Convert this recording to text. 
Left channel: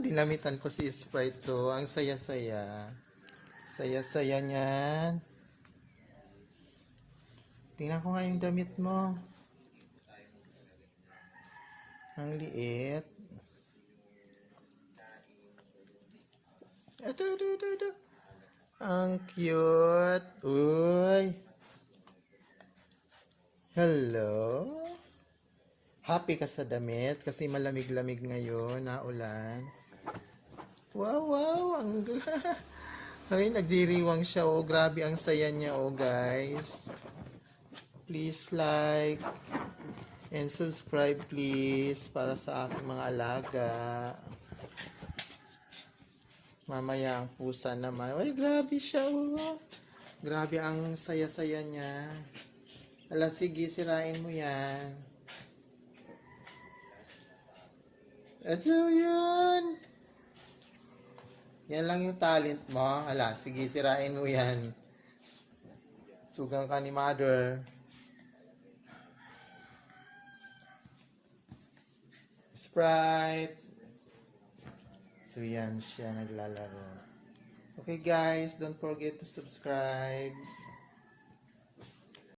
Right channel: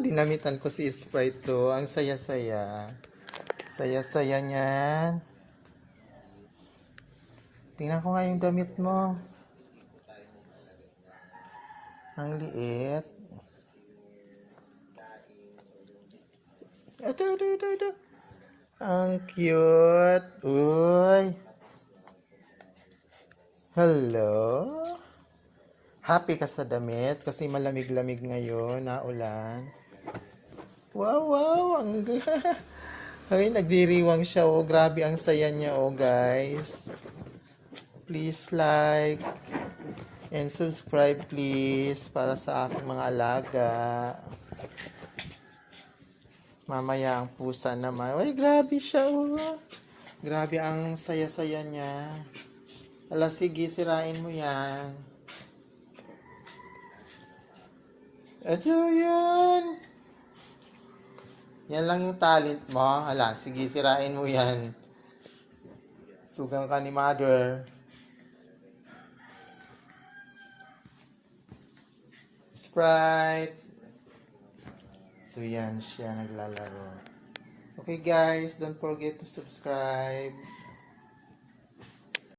dinamitan ko si Sprite to. Ang saya-saya. Saya-saya niyan. Tingnan ko nga yung damit mo. Ang liit. Ito. Ang cute. Uy. Hello. Happy ka sa damit kasi malamig-lamig ngayon na ulan. Wow. Ang ay, nagdiriwang siya. Oh, grabe ang saya niya, oh, guys. Please like and subscribe, please, para sa aking mga alaga. Mamaya ang pusa naman. Ay, grabe siya, oh. Grabe ang saya-saya niya. Ala, sige, sirain mo yan. Ito yan. Yan lang yung talent mo. Ala, sige, sirain mo yan. Sugang ka ni mother. Sprite. So yan siya naglalaro. Okay guys, don't forget to subscribe.